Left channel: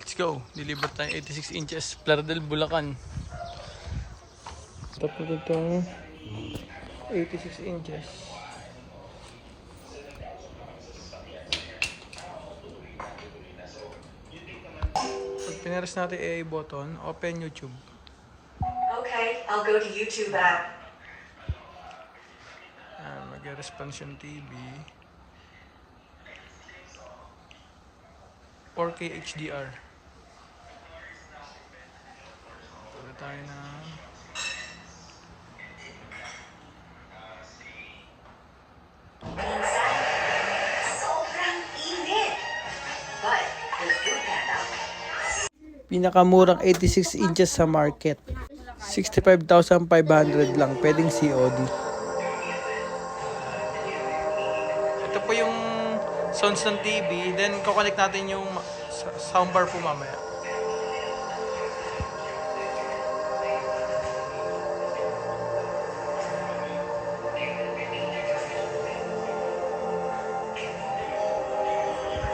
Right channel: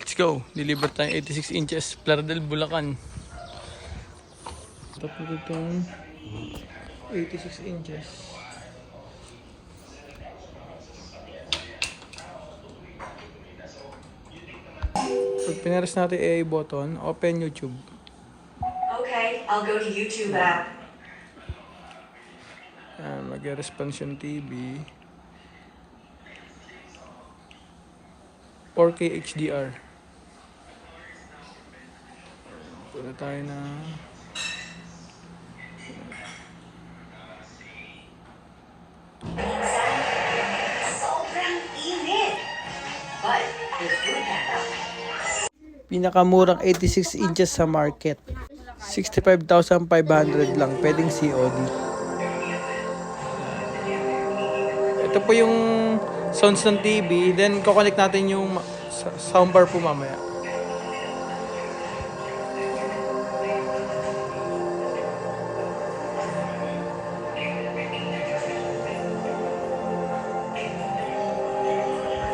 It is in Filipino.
Let's go. Deliver tayo 86 inches. Plaridel, Bulacan. Tapos itong 86 inches. Pag pinares natin AI button, open YouTube. Okay, I'll go to YouTube app. Mag-responsion TV. 4K HDR. Puna tayo na Sobrang init. But with food panda. pinakamurang 86 inches sa market. 65,500 lang. Pwedeng COD. Ito po yung sounds ng TV. Then, kukonect natin yung soundbar po mamaya.